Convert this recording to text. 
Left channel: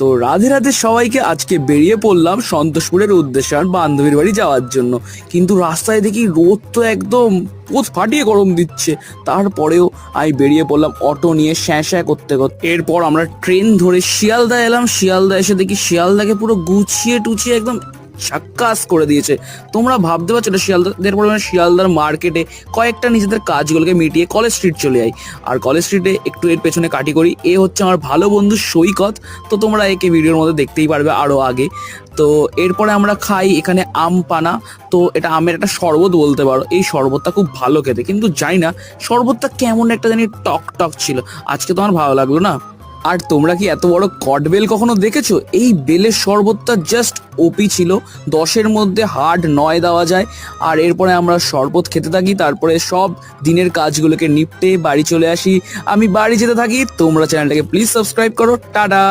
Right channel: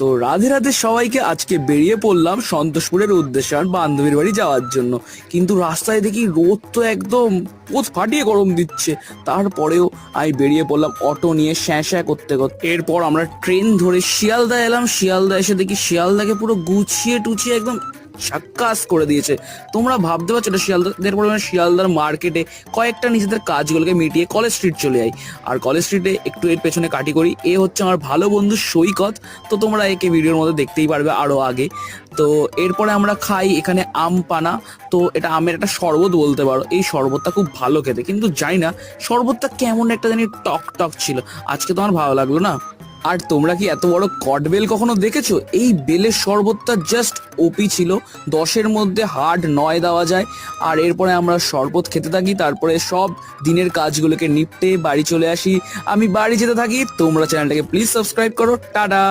তো রাধে রাধে সবাইকে। আজকে বেরিয়ে পড়লাম সন্তোষপুরের উদ্দেশ্যে আর বান্ধবীর বাড়ি যাওয়ার জন্য। কিন্তু রাস্তায় দেখি রোদ তো একদম পোত ফাটিয়ে গরম দিচ্ছে, তারপরেও আমি বেরিয়ে পড়লাম অটো নিয়ে স্যাঁ স্যাঁ করতে করতে। এরপর আমরা ট্রেন ধরে শিয়ালদা এলাম। শিয়ালদা এসে দেখি শিয়ালদাকে পুরো গুছিয়ে টুছিয়ে একদম সাক্কাস করে দিয়েছে। তোমরা ভাবতে পারছো এটা শিয়ালদা। এরপর আমরা শিয়ালদার মার্কেটে কয়েকটা নিজেদের কাজগুলোকে মিটিয়ে কলেজ স্ট্রিট চলে যাই। আর কলেজ স্ট্রিটে একটু এর পেছনে কাটি করি। এ হচ্ছে আমার ভালো বন্ধু সৈকত। তো তোমরা একে ভিডিওর মধ্যে দেখতেই পারবে আরো আগে। তো এরপরে আমরা খাই এখানে আম পানা। তো এটা আমের একটা শরবত বলতে পারো। এই শরবতটা খুব ভালো খেতে, কিন্তু জানি না শরবতটা কেমন একটা জানি টক টক ছিল। আজকে তো আমার ভালো লাগলো না। আর তোমরা কি এত বড় কটবেল কখনো দেখেছো? এই বেলের শরবতটা জাস্ট ওপি ছিল। 10-এর মধ্যে হার্ড 9 দেওয়া যায়। আর এরপরে আমরা শরবত খেতে থাকি, তারপরে সব দিনের কাজগুলোকে নিপটে বাড়ি চলে আসি। আমি বাড়ি যেতে থাকি। তোমরা চ্যানেলটাকে প্লিজ সাবস্ক্রাইব করো। টাটা।